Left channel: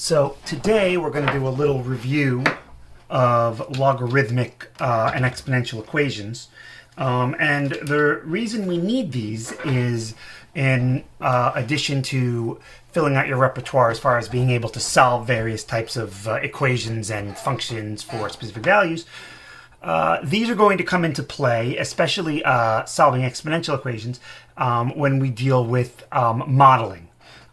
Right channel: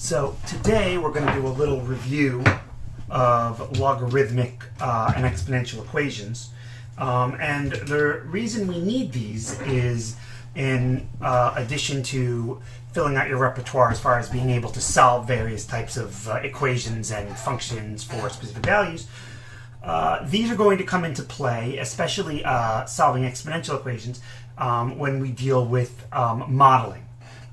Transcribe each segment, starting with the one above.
So today we're going to do a little review of logarithmic and exponential equations. And the reason we need these is in addition to filling out your repertoire as far as being able to solve various types of equations and functions for specific values, these are going to come into play, especially solving exponential equations, when we deal with modeling.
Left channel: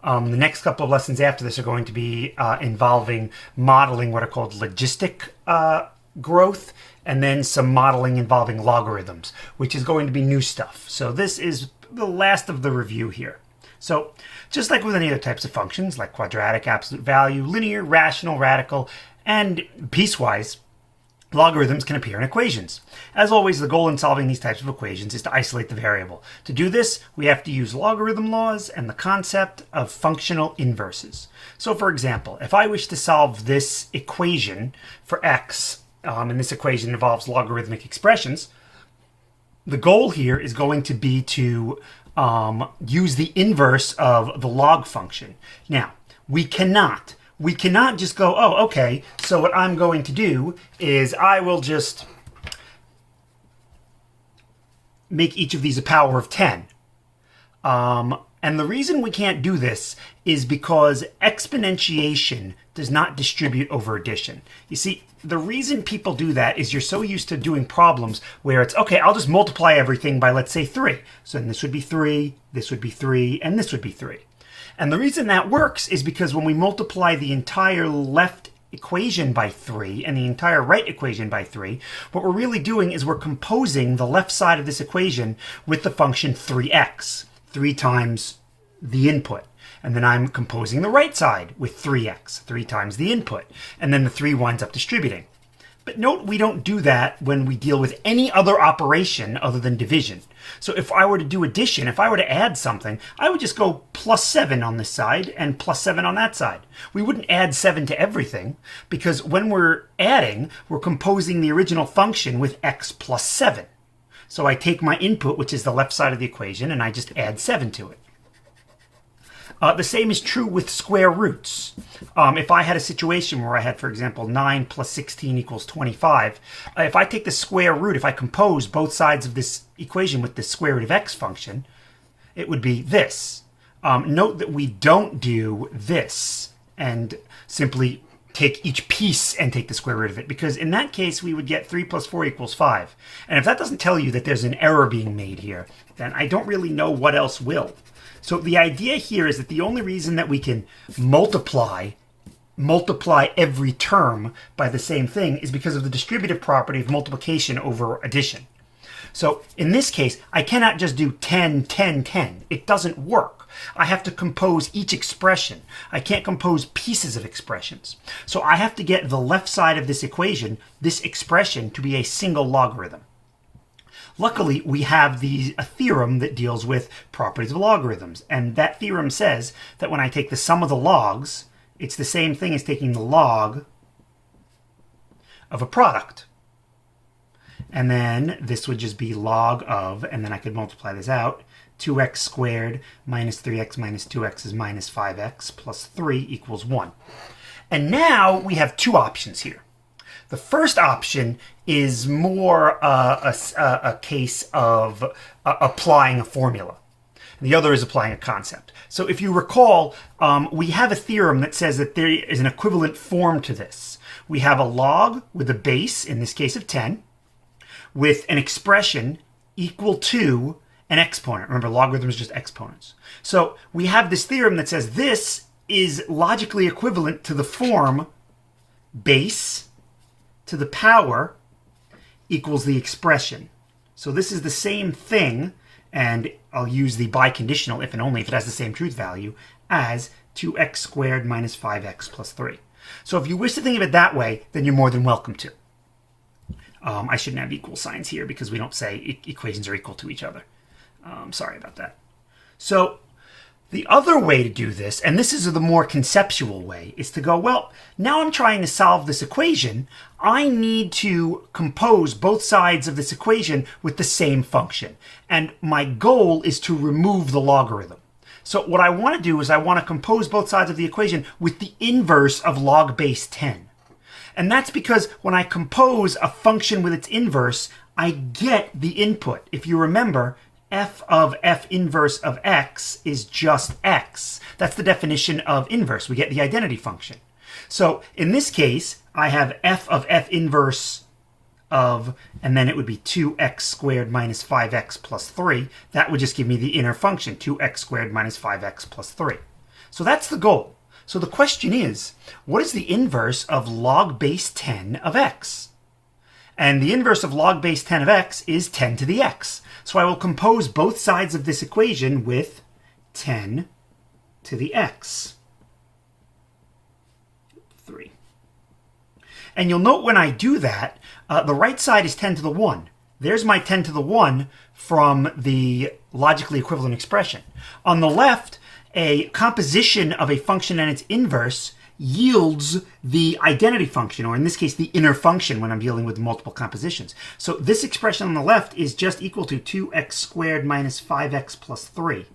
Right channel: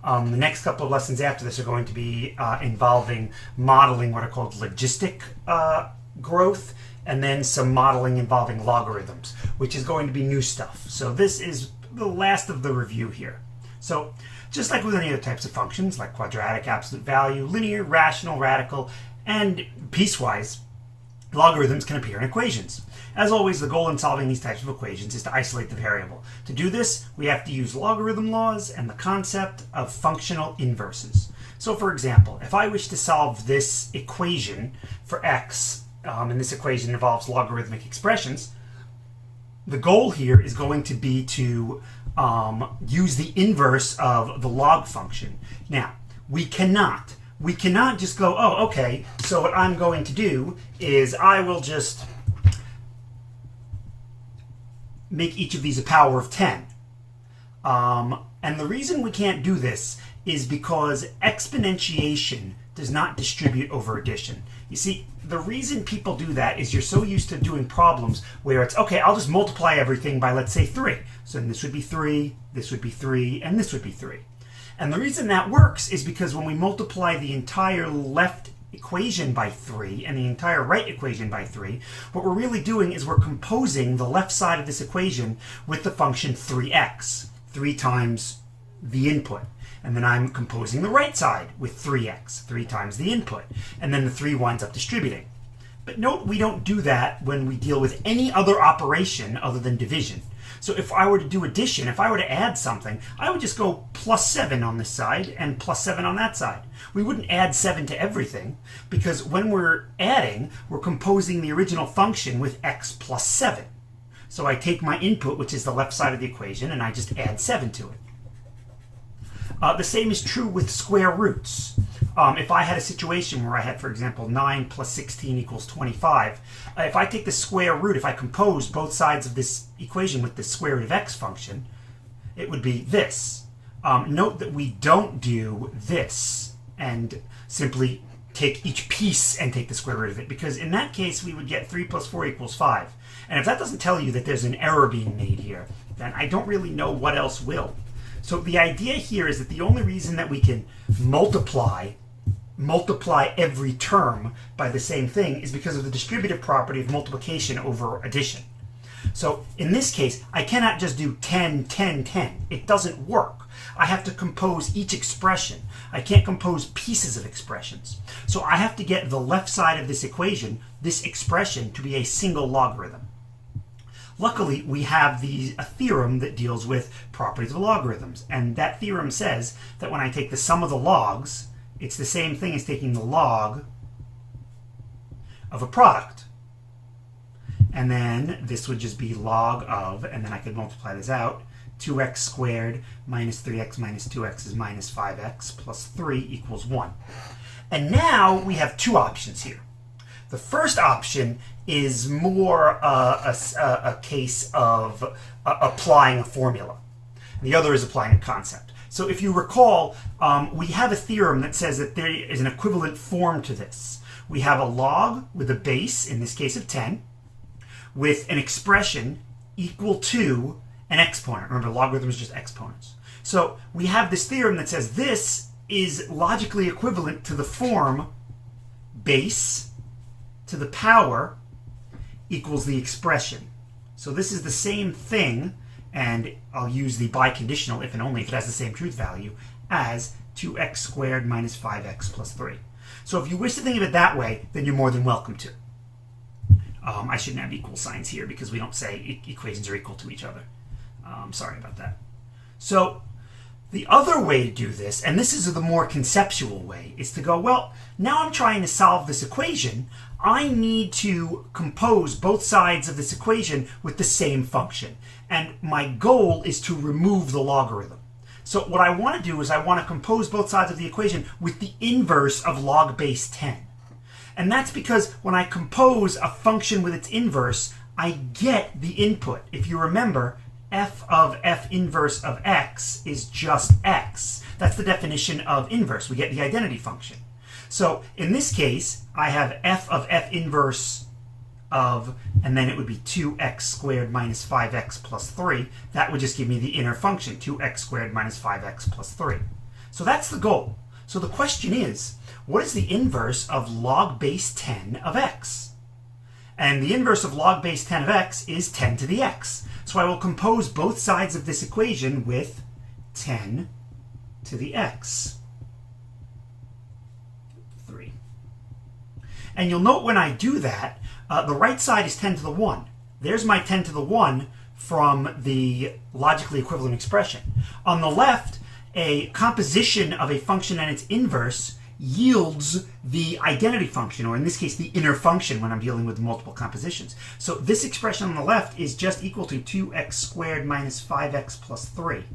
The next couple of lessons after this are going to be involving modeling what are called logistic growth, and then some modeling involving logarithms, which is going to be new stuff. So this is the last of the review here. So just like with any other types of functions, like quadratic, absolute value, linear, rational, radical, and piecewise, logarithms can appear in equations. As always, the goal in solving these types of equations is to isolate the variable. To do this, we have to use logarithm laws and the concept of functional inverses. So for example, if I wish to solve this equation for x, and this equation involves logarithmic expressions, the goal here is going to be to use the inverse of the log function. Now, we cannot just go, oh, okay, so what I'm going to do is I will just make each of these a power of 10. And the reason we can't do this is because exponentiation does not distribute over addition. You see, the reason people do that is you're so used to doing problems where it's, okay, I'll just multiply everything by, let's say, 3. So then this would be 3, this would be 3, and this would be 3. And the reason that works is because when we multiply the entire left equation by 3 and the entire right equation by 3, what we're really doing is we're composing the left side of this equation with the function 3x, 3 times the input. And then I'm composing the right side with 3x, 3 times the input. And then the 3 winds up distributing. But note, we don't do that when we deal with any other operation other than division. So if I were to do addition, if I were to add something, I would just go plus 7 on this side and plus 7 on that side. We wouldn't add 7 to everything, because when we're adding, we're composing the original function with x plus 7. So I take my input, which is the left side of the equation, and I just add 7 to it. The same is true with square roots. If I had a situation where I had, for example, 9 plus 16 equals 25, if I take the square root, if I compose both sides of this equation with the square root of x function, it would be this. Note that we don't do this and simply take each piece and take the square root of it, because in that case we would get 3 plus 4 equals 5. And if that doesn't tell you that there's an error being made here, then I don't really know what else will. So the idea here is that the only reason that we can multiply every term by the same thing is because of the distributive property of multiplication over addition. So in this case, I cannot just do 10, 10, 10. It doesn't work. I have to compose each expression. I can't compose pieces of expressions. So I have to get the left side of this equation, this expression, to be a single logarithm. Luckily, we have a theorem that deals with properties of logarithms. And that theorem says that when I take the sum of the logs, it's the same thing as taking the log of a product. And then this would just be log of, and then I could multiply this out, 2x squared minus 3x minus 2x is minus 5x plus 3 equals 1. And now we have two options here. The first option is more a case of applying a formula. The other is applying a concept. So if you recall, we have a theorem that says that there is an equivalent form to this. We have a log with a base, in this case of 10, with an expression equal to an exponent. Remember, logarithms are just exponents. So we have this theorem that says this is logically equivalent to the form base to the power equals the expression. So this is the same thing, and I'll use the biconditional if and only if it has the same truth value, as 2x squared minus 5x plus 3. So if you wish to think of it that way, then you're more than welcome to. I shouldn't have equal signs here because we don't say equations are equal to each other. Sorry about that. So the other way to do this, and this is the more conceptual way, is to go, well, now I'm trying to solve this equation. I need to compose both sides of this equation with the same function. And my goal is to remove the logarithm. So what I want to do is I want to compose both sides of the equation with the inverse of log base 10. And that's because when I compose a function with its inverse, I get the input. If you remember, f of f inverse of x is just x. That's the definition of inverse. We get the identity function. So in this case, I have f of f inverse of, and then it would be 2x squared minus 5x plus 3. That would just give me the inner function, 2x squared minus 5x plus 3. So that's the goal. So the question is, what is the inverse of log base 10 of x? And the inverse of log base 10 of x is 10 to the x. So I will compose both sides of this equation with 10 to the x. 3. And you'll note when I do that, the right side is 10 to the 1. There's my 10 to the 1 from the logically equivalent expression. On the left, a composition of a function and its inverse yields the identity function, or in this case, the inner function when I'm dealing with multiple compositions. So this expression on the left is just equal to 2x squared minus 5x plus 3.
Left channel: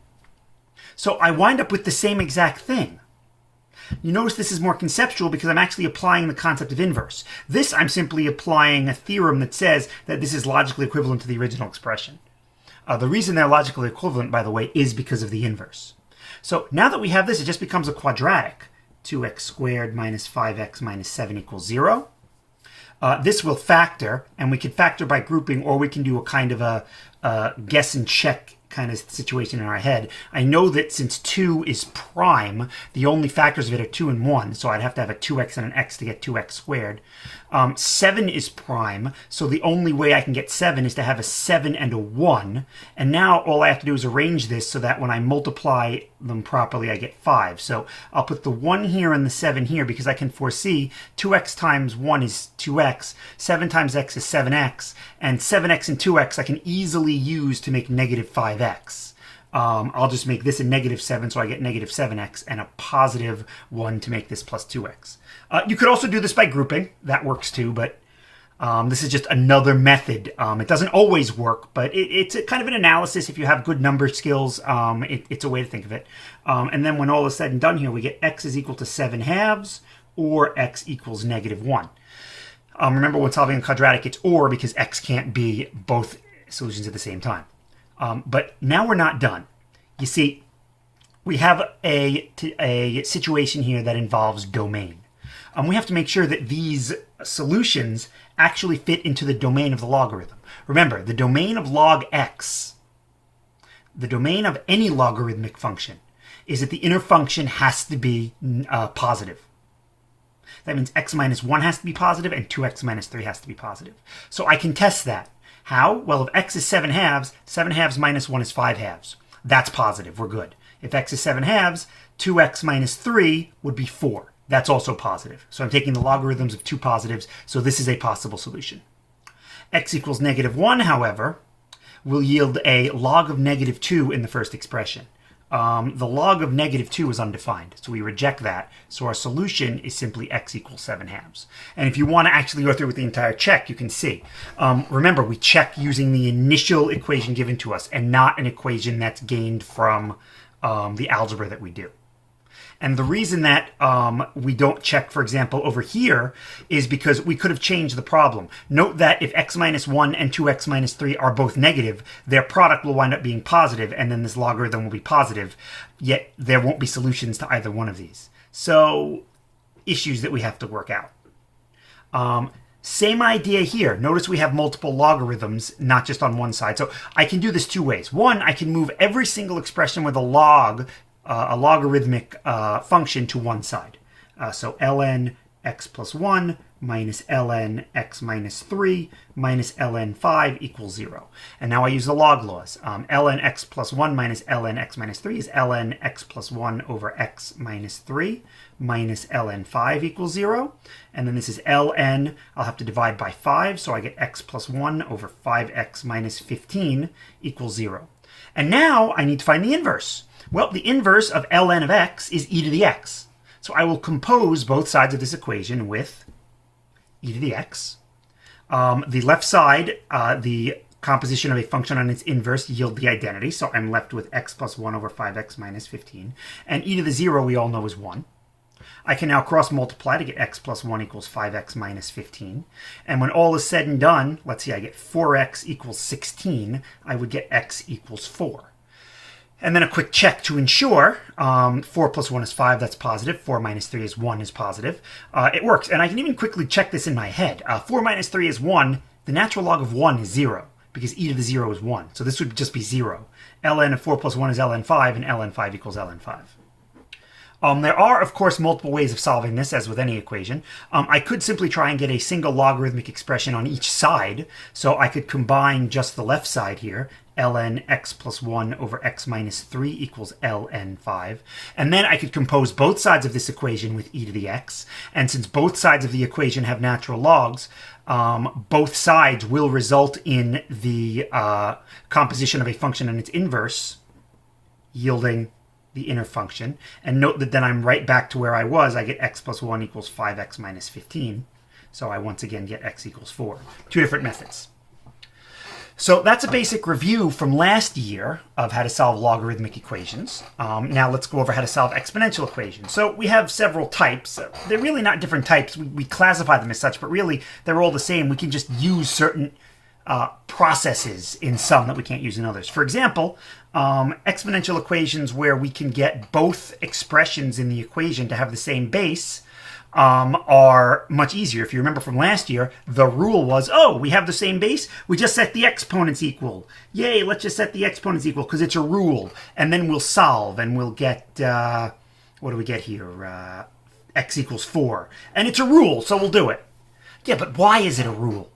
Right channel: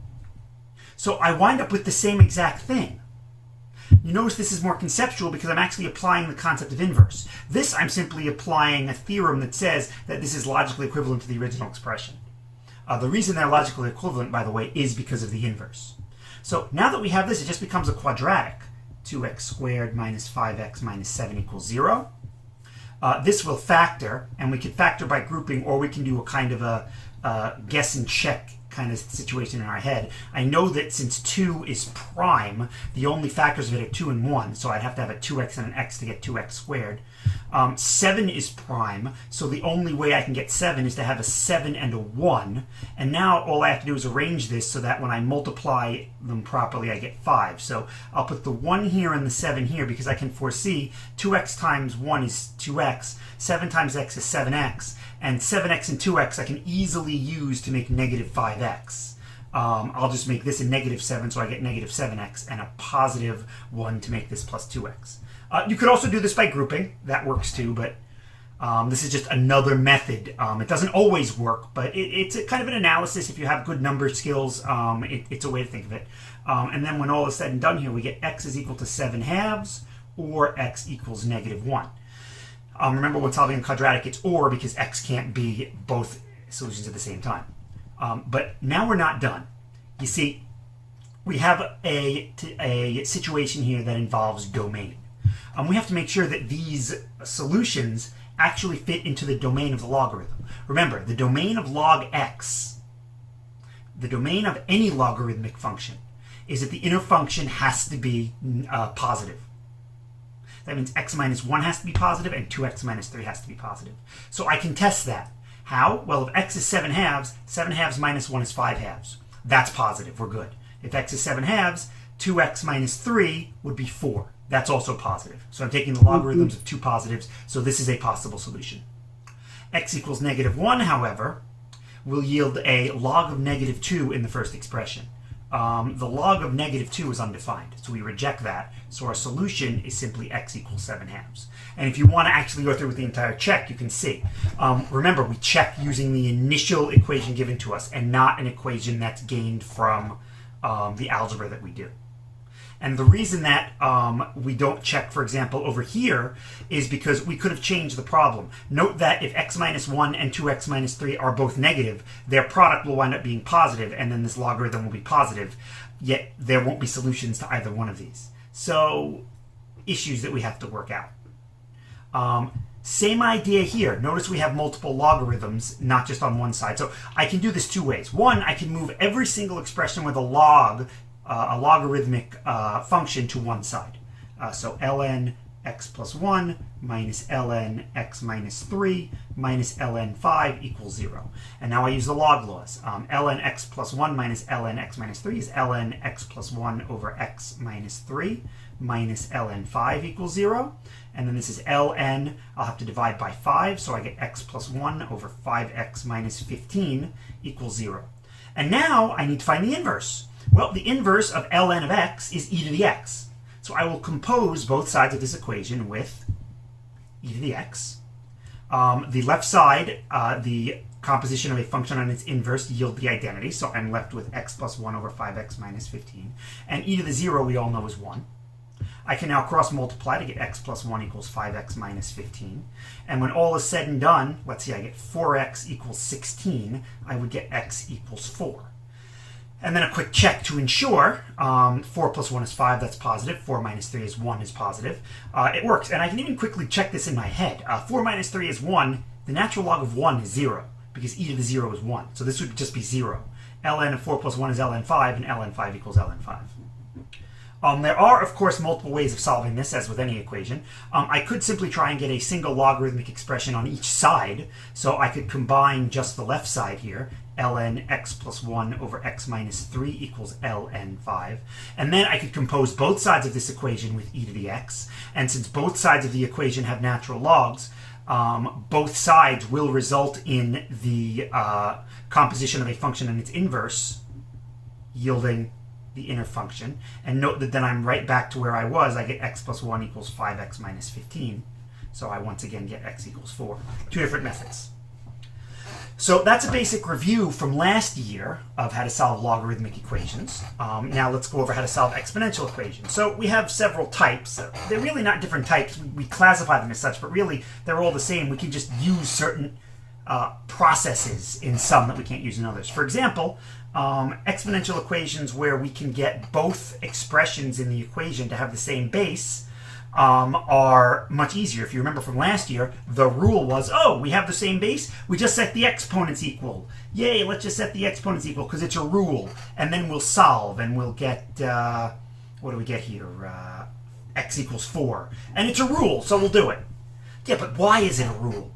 So I wind up with the same exact thing. You notice this is more conceptual because I'm actually applying the concept of inverse. This, I'm simply applying a theorem that says that this is logically equivalent to the original expression. The reason they're logically equivalent, by the way, is because of the inverse. So now that we have this, it just becomes a quadratic. 2x squared minus 5x minus 7 equals 0. This will factor, and we can factor by grouping, or we can do a kind of a guess and check kind of situation in our head. I know that since 2 is prime, the only factors of it are 2 and 1, so I'd have to have a 2x and an x to get 2x squared. 7 is prime, so the only way I can get 7 is to have a 7 and a 1. And now all I have to do is arrange this so that when I multiply them properly, I get 5. So I'll put the 1 here and the 7 here because I can foresee 2x times 1 is 2x, 7 times x is 7x, and 7x and 2x I can easily use to make negative 5x. I'll just make this a negative 7, so I get negative 7x, and a positive 1 to make this plus 2x. You could also do this by grouping. That works too, but this is just another method. It doesn't always work, but it's a kind of an analysis. If you have good number skills, it's a way to think of it. And then when all is said and done here, we get x is equal to 7 halves, or x equals negative 1. Remember, when solving a quadratic, it's or because x can't be both solutions at the same time. But now we're not done. You see, we have a situation here that involves domain. We have to make sure that these solutions actually fit into the domain of the logarithm. Remember, the domain of log x, the domain of any logarithmic function, is that the inner function has to be positive. That means x minus 1 has to be positive and 2x minus 3 has to be positive. So I can test that. How? Well, if x is 7 halves minus 1 is 5 halves. That's positive. We're good. If x is 7 halves, 2x minus 3 would be 4. That's also positive. So I'm taking the logarithms of two positives, so this is a possible solution. X equals negative 1, however, will yield a log of negative 2 in the first expression. The log of negative 2 is undefined, so we reject that. So our solution is simply x equals 7 halves. And if you want to actually go through with the entire check, you can see. Remember, we check using the initial equation given to us and not an equation that's gained from the algebra that we do. And the reason that we don't check, for example, over here is because we could have changed the problem. Note that if x minus 1 and 2x minus 3 are both negative, their product will wind up being positive, and then this logarithm will be positive, yet there won't be solutions to either one of these. So, issues that we have to work out. Same idea here. Notice we have multiple logarithms, not just on one side. So I can do this two ways. One, I can move every single expression with a logarithmic function to one side. So ln x plus 1 minus ln x minus 3 minus ln 5 equals 0. And now I use the log laws. Ln x plus 1 minus ln x minus 3 is ln x plus 1 over x minus 3 minus ln 5 equals 0. And then this is ln, I'll have to divide by 5, so I get x plus 1 over 5x minus 15 equals 0. And now I need to find the inverse. Well, the inverse of ln of x is e to the x. So I will compose both sides of this equation with e to the x. The left side, the composition of a function on its inverse yield the identity. So I'm left with x plus 1 over 5x minus 15. And e to the 0 we all know is 1. I can now cross multiply to get x plus 1 equals 5x minus 15. And when all is said and done, let's see, I get 4x equals 16. I would get x equals 4. And then a quick check to ensure. 4 plus 1 is 5, that's positive. 4 minus 3 is 1 is positive. It works. And I can even quickly check this in my head. 4 minus 3 is 1. The natural log of 1 is 0, because e to the 0 is 1. So this would just be 0. ln of 4 plus 1 is ln 5, and ln 5 equals ln 5. There are, of course, multiple ways of solving this, as with any equation. I could simply try and get a single logarithmic expression on each side. So I could combine just the left side here. ln x plus 1 over x minus 3 equals ln 5. And then I could compose both sides of this equation with e to the x. And since both sides of the equation have natural logs, both sides will result in the composition of a function and its inverse, yielding the inner function. And note that then I'm right back to where I was. I get x plus 1 equals 5x minus 15. So I once again get x equals 4. Two different methods. So that's a basic review from last year of how to solve logarithmic equations. Now let's go over how to solve exponential equations. So we have several types. They're really not different types. We classify them as such, but really they're all the same. We can just use certain processes in some that we can't use in others. For example, exponential equations where we can get both expressions in the equation to have the same base are much easier. If you remember from last year, the rule was, oh, we have the same base, we just set the exponents equal. Yay, let's just set the exponents equal because it's a rule. And then we'll solve and we'll get, what do we get here? X equals 4. And it's a rule, so we'll do it. Yeah, but why is it a rule?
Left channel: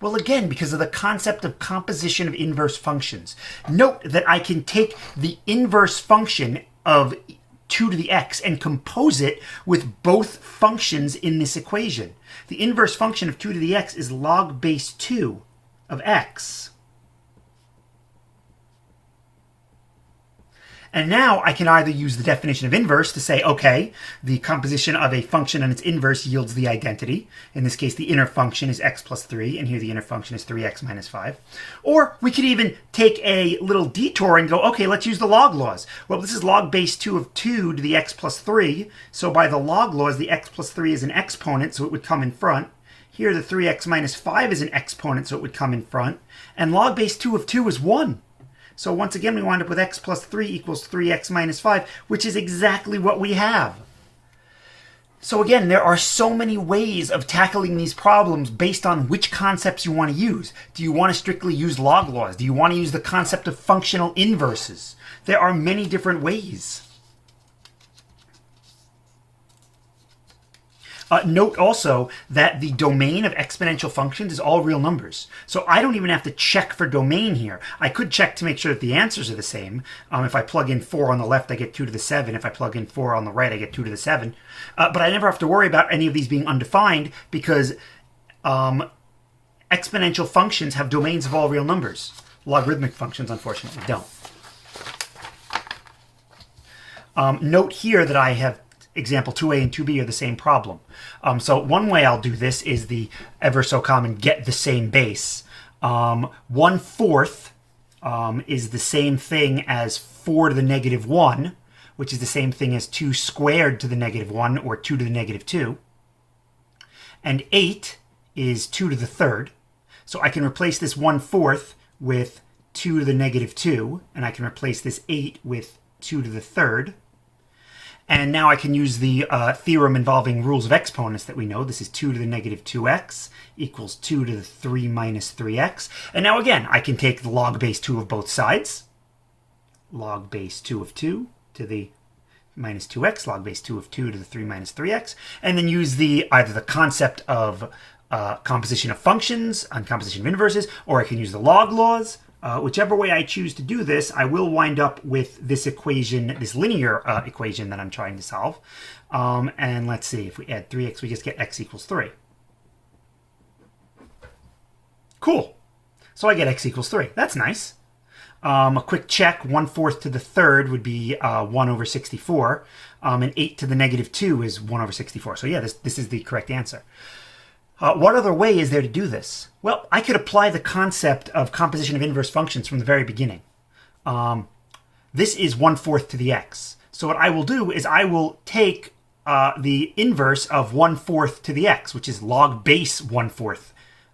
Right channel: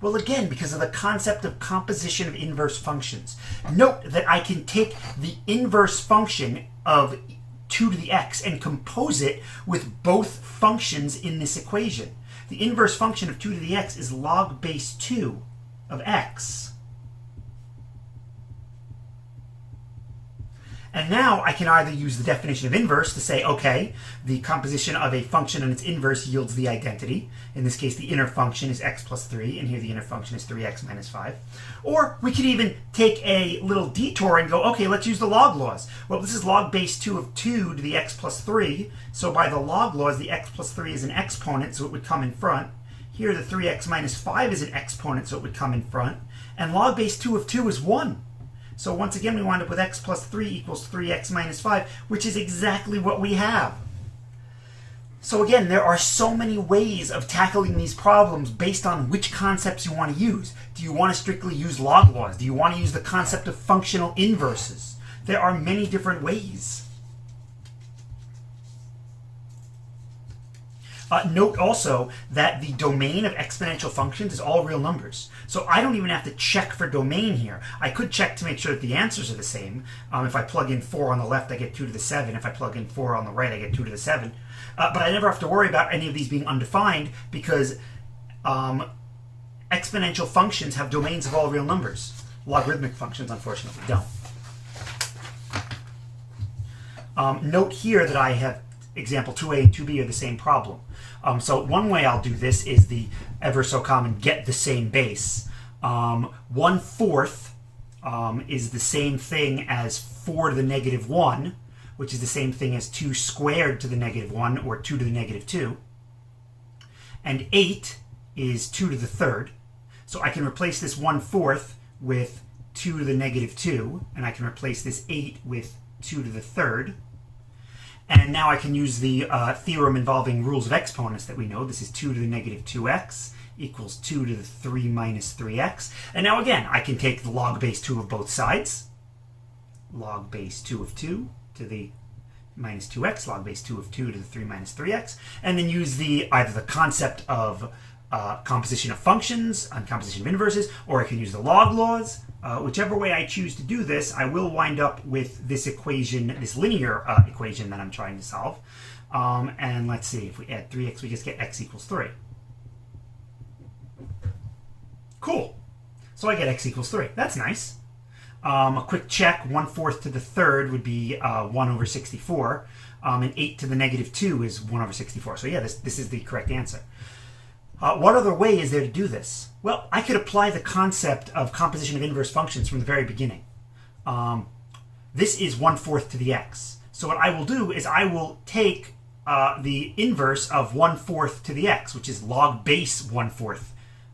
Well, again, because of the concept of composition of inverse functions. Note that I can take the inverse function of 2 to the x and compose it with both functions in this equation. The inverse function of 2 to the x is log base 2 of x. And now I can either use the definition of inverse to say, okay, the composition of a function and its inverse yields the identity. In this case, the inner function is x plus 3, and here the inner function is 3x minus 5. Or we could even take a little detour and go, okay, let's use the log laws. Well, this is log base 2 of 2 to the x plus 3. So by the log laws, the x plus 3 is an exponent, so it would come in front. Here, the 3x minus 5 is an exponent, so it would come in front. And log base 2 of 2 is 1. So once again, we wind up with x plus 3 equals 3x minus 5, which is exactly what we have. So again, there are so many ways of tackling these problems based on which concepts you want to use. Do you want to strictly use log laws? Do you want to use the concept of functional inverses? There are many different ways. Note also that the domain of exponential functions is all real numbers. So I don't even have to check for domain here. I could check to make sure that the answers are the same. If I plug in 4 on the left, I get 2 to the 7. If I plug in 4 on the right, I get 2 to the 7. But I never have to worry about any of these being undefined because exponential functions have domains of all real numbers. Logarithmic functions, unfortunately, don't. Note here that I have example 2a and 2b are the same problem. So one way I'll do this is the ever so common get the same base. 1/4 is the same thing as 4 to the negative 1, which is the same thing as 2 squared to the negative 1, or 2 to the negative 2. And 8 is 2 to the 3rd. So I can replace this 1/4 with 2 to the negative 2, and I can replace this 8 with 2 to the 3rd. And now I can use the theorem involving rules of exponents that we know. This is 2 to the negative 2x equals 2 to the 3 minus 3x. And now again, I can take the log base 2 of both sides. Log base 2 of 2 to the minus 2x, log base 2 of 2 to the 3 minus 3x. And then use either the concept of composition of functions and composition of inverses, or I can use the log laws. Whichever way I choose to do this, I will wind up with this equation, this linear equation that I'm trying to solve. And let's see, if we add 3x, we just get x equals 3. Cool. So I get x equals 3. That's nice. A quick check, 1/4 to the 3rd would be 1 over 64. And 8 to the negative 2 is 1 over 64. So yeah, this is the correct answer. What other way is there to do this? Well, I could apply the concept of composition of inverse functions from the very beginning. This is 1/4 to the x. So what I will do is I will take the inverse of 1/4 to the x, which is log base 1/4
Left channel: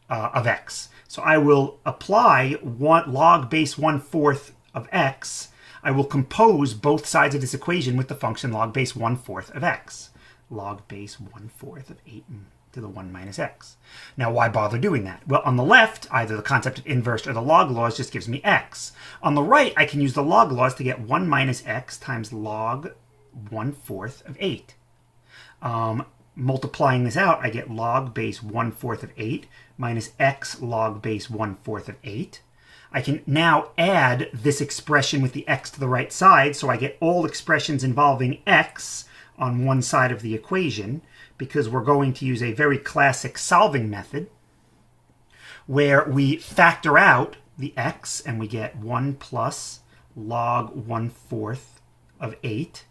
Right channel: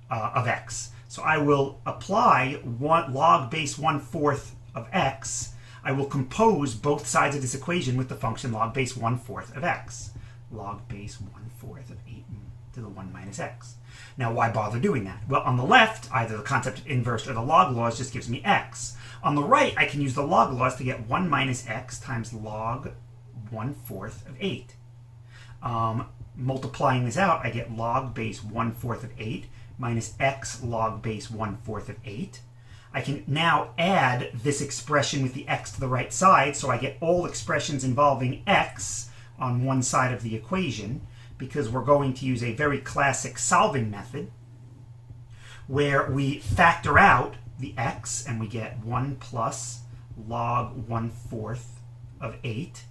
of x. So I will apply log base 1/4 of x. I will compose both sides of this equation with the function log base 1/4 of x. Log base 1/4 of 8 to the 1 minus x. Now, why bother doing that? Well, on the left, either the concept of inverse or the log laws just gives me x. On the right, I can use the log laws to get 1 minus x times log 1/4 of 8. Multiplying this out, I get log base 1/4 of 8 minus x log base 1/4 of 8. I can now add this expression with the x to the right side, so I get all expressions involving x on one side of the equation, because we're going to use a very classic solving method where we factor out the x and we get 1 plus log 1/4 of 8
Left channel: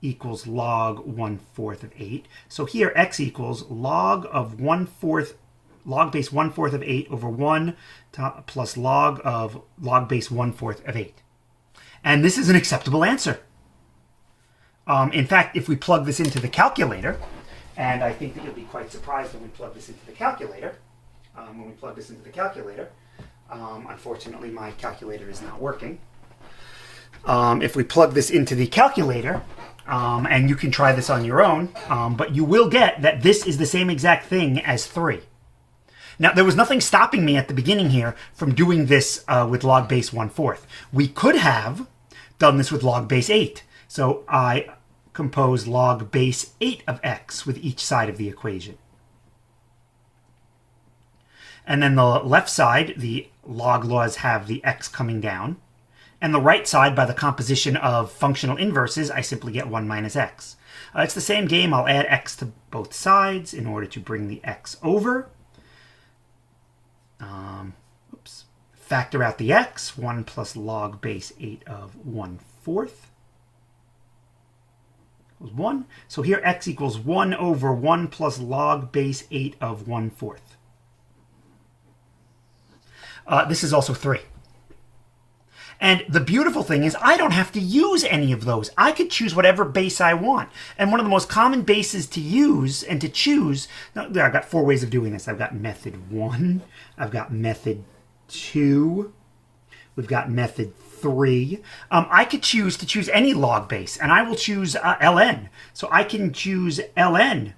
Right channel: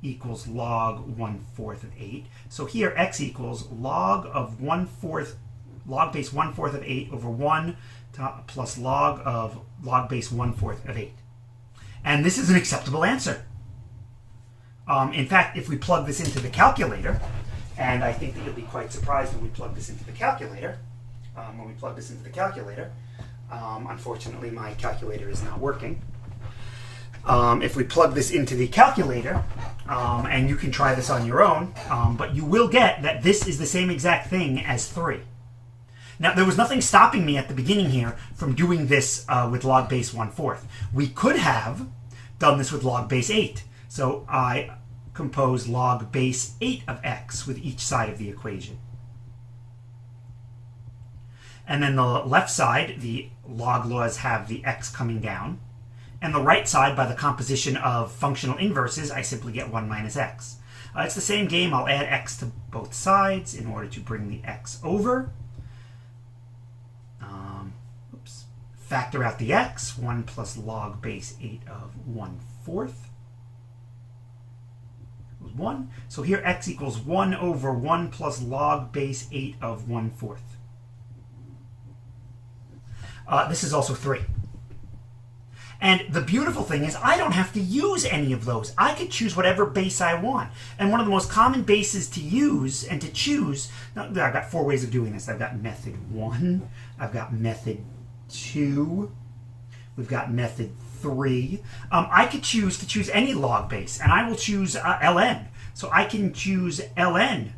equals log 1/4 of 8. So here x equals log of 1/4, log base 1/4 of 8 over 1 plus log of log base 1/4 of 8. And this is an acceptable answer. In fact, if we plug this into the calculator, and I think that you'll be quite surprised when we plug this into the calculator, unfortunately my calculator is not working. If we plug this into the calculator, and you can try this on your own, but you will get that this is the same exact thing as 3. Now, there was nothing stopping me at the beginning here from doing this with log base 1/4. We could have done this with log base 8. So I compose log base 8 of x with each side of the equation. And then the left side, the log laws have the x coming down. And the right side, by the composition of functional inverses, I simply get 1 minus x. It's the same game. I'll add x to both sides in order to bring the x over. Factor out the x, 1 plus log base 8 of 1/4. 1. So here x equals 1 over 1 plus log base 8 of 1/4. This is also 3. And the beautiful thing is I don't have to use any of those. I could choose whatever base I want. And one of the most common bases to use and to choose, now, I've got 4 ways of doing this. I've got method 1, I've got method 2, we've got method 3. I could choose to choose any log base, and I will choose ln. So I can choose ln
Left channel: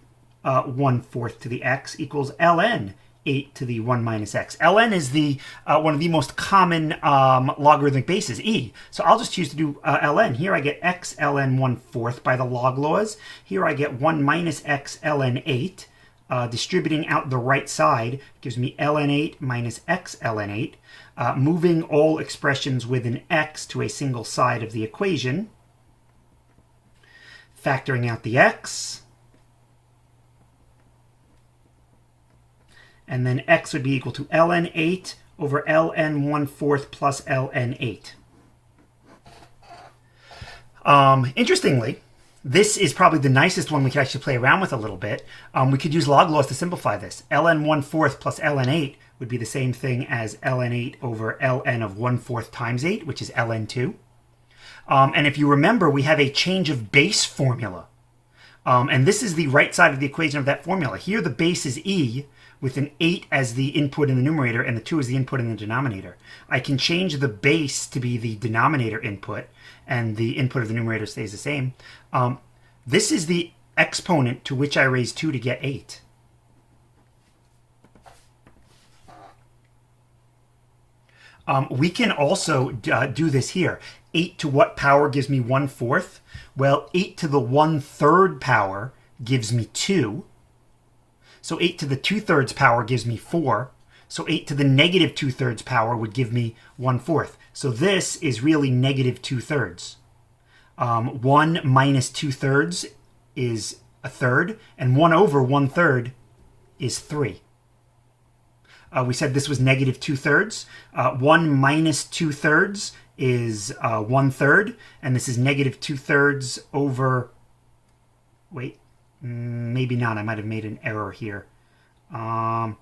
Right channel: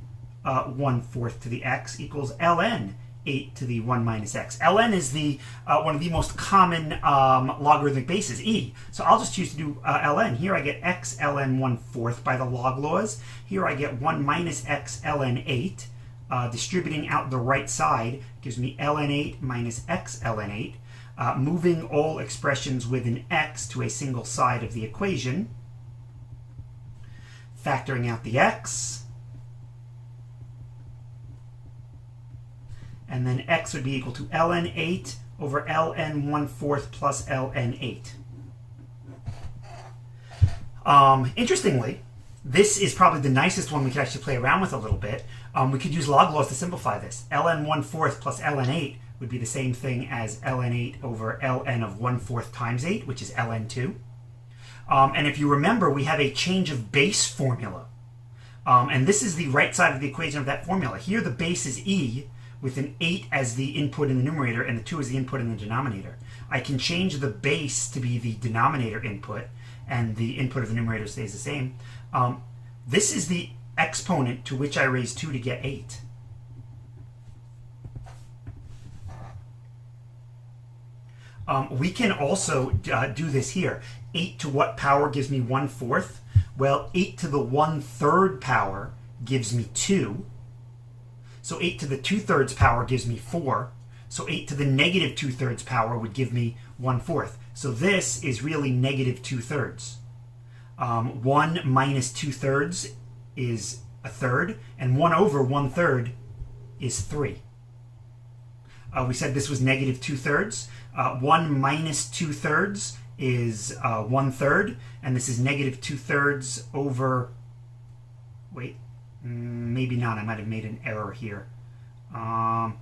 1/4 to the x equals ln 8 to the 1 minus x. ln is the one of the most common logarithmic bases, e. So I'll just choose to do ln. Here I get x ln 1/4 by the log laws. Here I get 1 minus x ln 8. Distributing out the right side gives me ln 8 minus x ln 8. Moving all expressions with an x to a single side of the equation. Factoring out the x. And then x would be equal to ln 8 over ln 1/4 plus ln 8. Interestingly, this is probably the nicest one we could actually play around with a little bit. We could use log laws to simplify this. ln 1/4 plus ln 8 would be the same thing as ln 8 over ln of 1/4 times 8, which is ln 2. And if you remember, we have a change of base formula. And this is the right side of the equation of that formula. Here the base is e, with an 8 as the input in the numerator and the 2 as the input in the denominator. I can change the base to be the denominator input, and the input of the numerator stays the same. This is the exponent to which I raise 2 to get 8. We can also do this here. 8 to what power gives me 1/4? Well, 8 to the 1/3 power gives me 2. So 8 to the 2/3 power gives me 4. So 8 to the negative 2/3 power would give me 1/4. So this is really negative 2/3. 1 minus 2/3 is 1/3, and 1 over 1/3 is 3. We said this was negative 2/3. 1 minus 2/3 is 1/3, and this is negative 2/3 over, wait, Maybe not. I might have made an error here. Oh,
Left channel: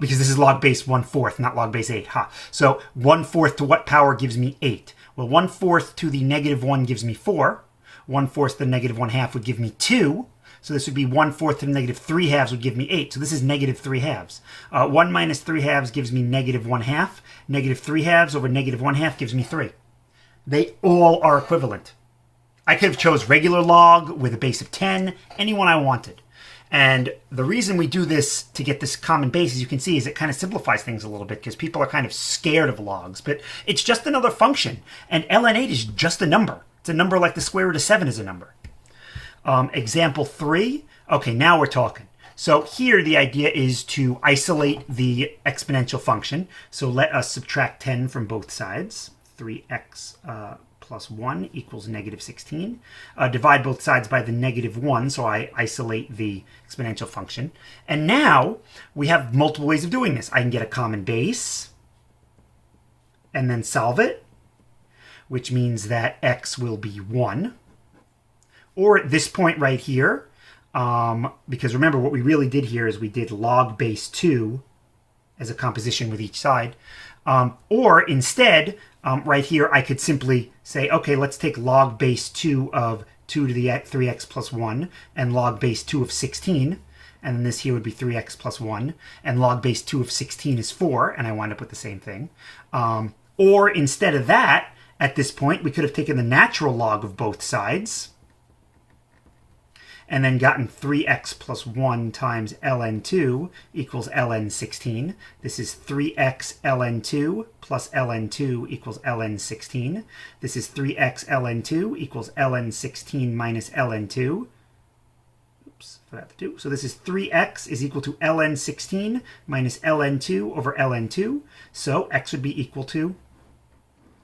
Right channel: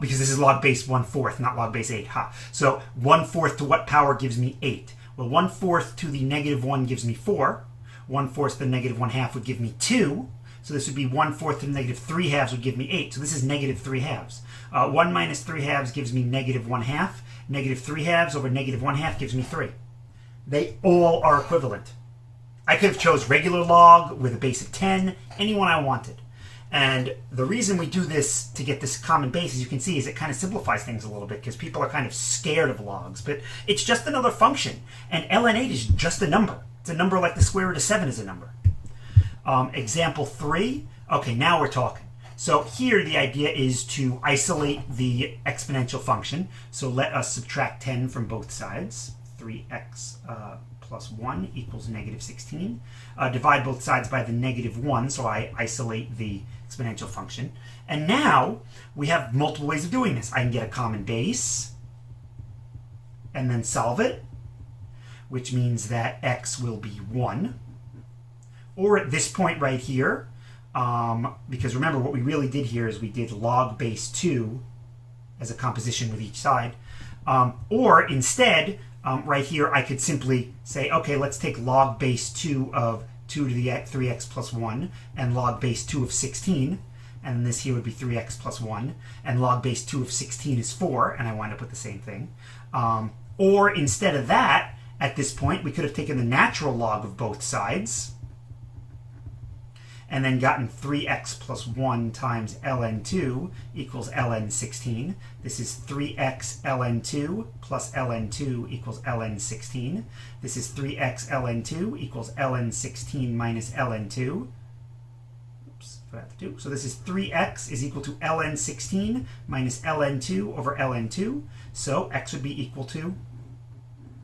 because this is log base 1/4, not log base 8. Ha. So 1/4 to what power gives me 8? Well, 1/4 to the -1 gives me 4. 1/4 to the -1/2 would give me 2. So this would be 1/4 to the -3/2 would give me 8. So this is -3/2. 1 minus 3/2 gives me -1/2. -3/2 over -1/2 gives me 3. They all are equivalent. I could have chose regular log with a base of 10, any one I wanted. And the reason we do this to get this common base, as you can see, is it kind of simplifies things a little bit because people are kind of scared of logs. But it's just another function. And ln 8 is just a number. It's a number like the square root of 7 is a number. Example 3. Okay, now we're talking. So here the idea is to isolate the exponential function. So let us subtract 10 from both sides. 3x plus 1 equals -16. Divide both sides by the -1, so I isolate the exponential function. And now we have multiple ways of doing this. I can get a common base and then solve it, which means that x will be 1. Or at this point right here, because remember what we really did here is we did log base 2 as a composition with each side. Or instead, right here, I could simply say, okay, let's take log base 2 of 2 to the 3x plus 1 and log base 2 of 16. And then this here would be 3x plus 1. And log base 2 of 16 is 4. And I wind up with the same thing. Or instead of that, at this point, we could have taken the natural log of both sides and then gotten 3x plus 1 times ln 2 equals ln 16. This is 3x ln 2 plus ln 2 equals ln 16. This is 3x ln 2 equals ln 16 minus ln 2. Oops, forgot the 2. So this is 3x is equal to ln 16 minus ln 2 over ln 2. So x would be equal to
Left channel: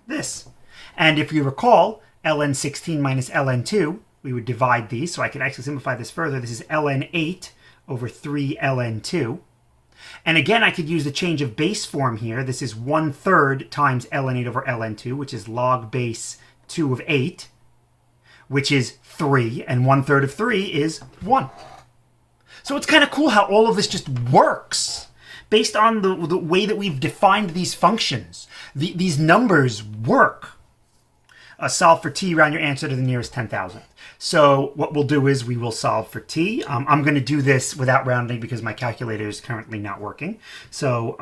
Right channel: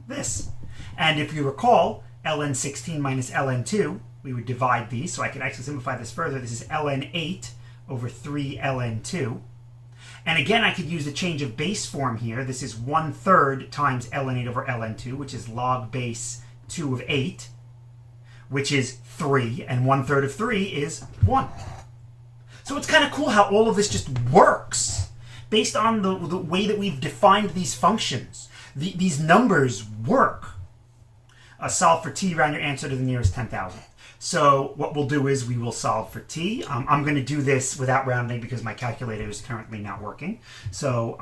this. And if you recall, ln 16 minus ln 2, we would divide these, so I could actually simplify this further. This is ln 8 over 3 ln 2. And again, I could use the change of base form here. This is 1/3 times ln 8 over ln 2, which is log base 2 of 8, which is 3, and 1/3 of 3 is 1. So it's kind of cool how all of this just works based on the way that we've defined these functions. These numbers work. Solve for t, round your answer to the nearest 10,000. So what we'll do is we will solve for t. I'm going to do this without rounding because my calculator is currently not working. So,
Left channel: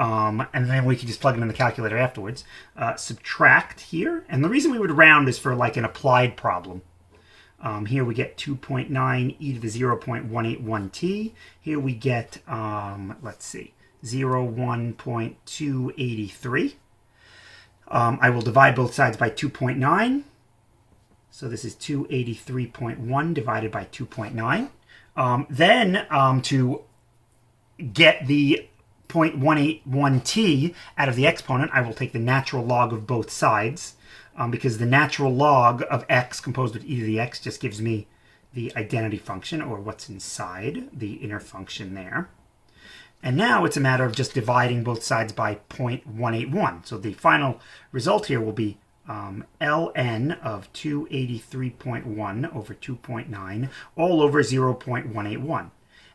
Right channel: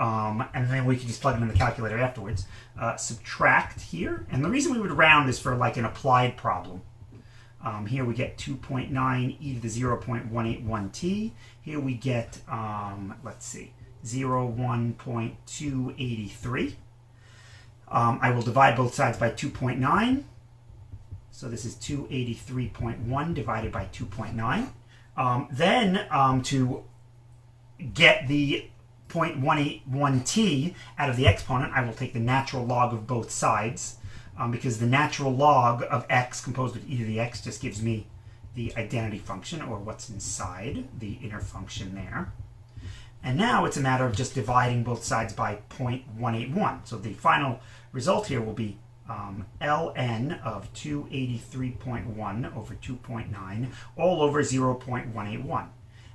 and then we can just plug it in the calculator afterwards. Subtract here. And the reason we would round is for like an applied problem. Here we get 2.9 e to the 0.181t. Here we get, let's see, 1.283. I will divide both sides by 2.9. So this is 283.1 divided by 2.9. Then to get the 0.181t out of the exponent, I will take the natural log of both sides because the natural log of x composed of e to the x just gives me the identity function, or what's inside the inner function there. And now it's a matter of just dividing both sides by 0.181. So the final result here will be ln of 283.1 over 2.9 all over 0.181.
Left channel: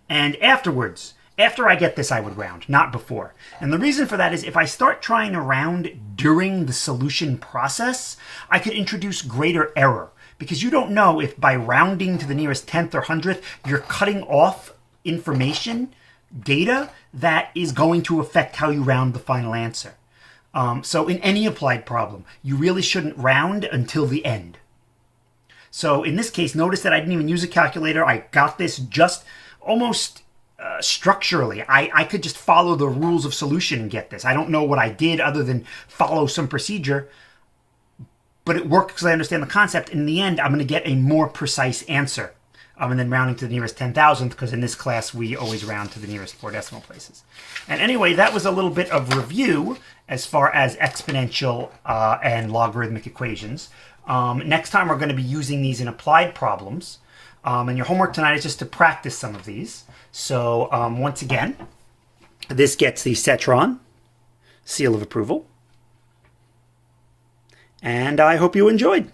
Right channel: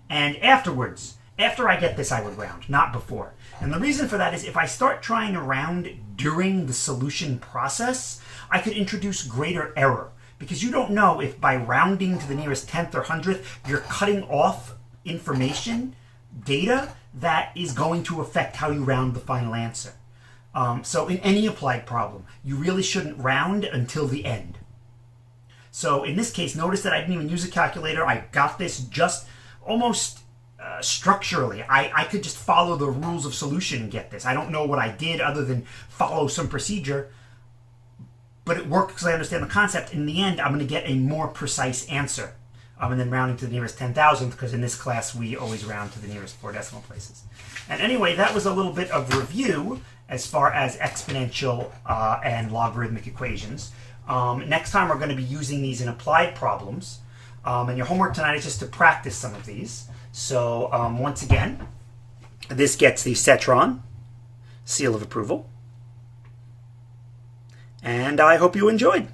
And afterwards, after I get this, I would round, not before. And the reason for that is if I start trying to round during the solution process, I could introduce greater error. Because you don't know if by rounding to the nearest 10th or 100th, you're cutting off information, data, that is going to affect how you round the final answer. So in any applied problem, you really shouldn't round until the end. So in this case, notice that I didn't even use a calculator. I got this just almost structurally. I could just follow the rules of solution and get this. I don't know what I did other than follow some procedure, but it worked because I understand the concept. In the end, I'm going to get a more precise answer. And then rounding to the nearest 10,000th, because in this class we always round to the nearest 4 decimal places. And anyway, that was a little bit of review as far as exponential and logarithmic equations. Next time we're going to be using these in applied problems. And your homework tonight is just to practice some of these. So once again, this gets the Cetron seal of approval. And I hope you enjoyed.